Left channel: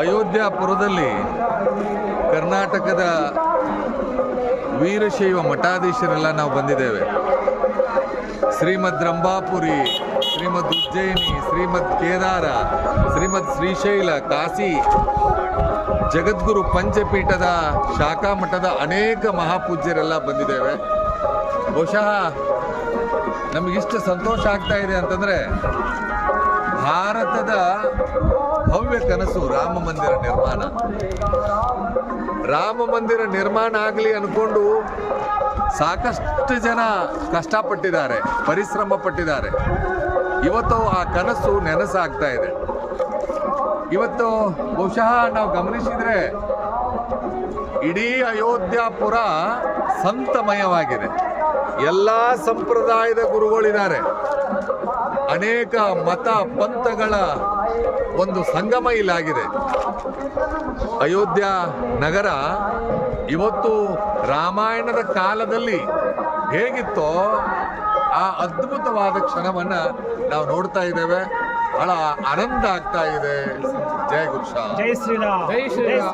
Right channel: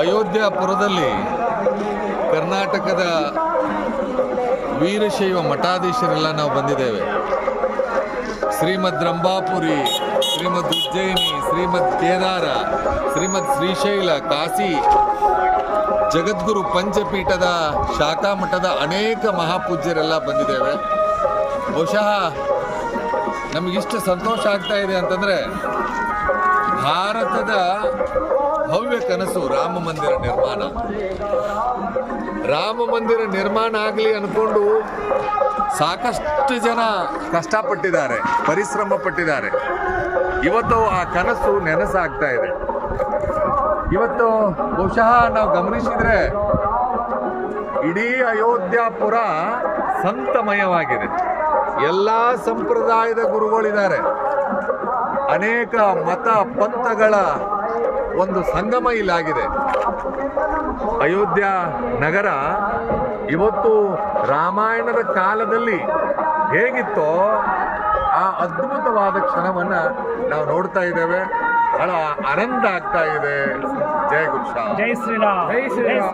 ಅಯೋಧ್ಯಾಪುರದಲ್ಲಿ ಕರ್ನಾಟಕದ ವೀರಶೈವ ಮಠಾಧೀಶರೆಲ್ಲ ನಾವು ಬಂದಿದ್ದೇವೆ. ಶ್ರೀಮದ್ ರಂಭಾಪುರಿ ಶ್ರೀಮದ್ ಉಜ್ಜಯಿನಿ, ಶ್ರೀಮದ್ ಕೇದಾರ, ಶ್ರೀಮದ್ ಶ್ರೀಶೈಲ, ಕಾಶಿ, ಜಗದ್ಗುರು ಪಂಚಪೀಠದ ಶಾಖಾ ಮಠದ ಅನೇಕ ಮಹಾಪೂಜ್ಯರೆಲ್ಲ ಬಂದಿದ್ದೇವೆ. ಬಹುಶಃ ನಮಗಿಷ್ಟು ಸಂತೋಷ ಆಗ್ತಾ ಇದೆ ಅಂತಂದರೆ ಭಾರತದ ಕನಸು ರಾಮ ಮಂದಿರ ನಿರ್ಮಾಣ. ರಾಮ ಮಂದಿರ ನಿರ್ಮಾಣ ಆಗಲಿ ಅನ್ಕೊಂಡು ಸಾಕಷ್ಟು ಜನ ಕಷ್ಟಪಟ್ಟಿದ್ದಾರೆ ಪರಿಶ್ರಮ ಪಟ್ಟಿದ್ದಾರೆ ಇವತ್ತು ಆ ಕನಸು ನೆನಸಾಗ್ತಾ ಇದೆ. ಇವತ್ತು ಬಹುಶಃ ನಾವು ಗಮನಿಸಿದ್ರೆ ಇಡೀ ಅಯೋಧ್ಯಾಪುರ ಸಂತಮಯವಾಗಿದೆ. ಎಲ್ಲ ಸಂಪ್ರದಾಯದ ಗುರುಗಳಿದ್ದಾರೆ. ಅನೇಕ ಮತ ಪಂಥಗಳ ಒಂದು ಸಂಗಮ ಇಲ್ಲಾಗಿದೆ. ಅಯೋಧ್ಯ ನಗರ ಇವತ್ತು ರಾಮಾಯಣದ ಕಾಲದಲ್ಲಿ ಹೇಗಿತ್ತೋ ಆ ಅದ್ಭುತವಾದ ಕ್ಷಣವನ್ನ ನಾವು ನೋಡ್ತಾ ಇದ್ದೇವೆ. ಬಹಳ ಆನಂದ ಆಗ್ತಾ ಇದೆ. ಜಯ ಗುರುಶಾ ಜೈ ಶ್ರೀರಾಮ್. ಜೈ ಶ್ರೀರಾಮ್.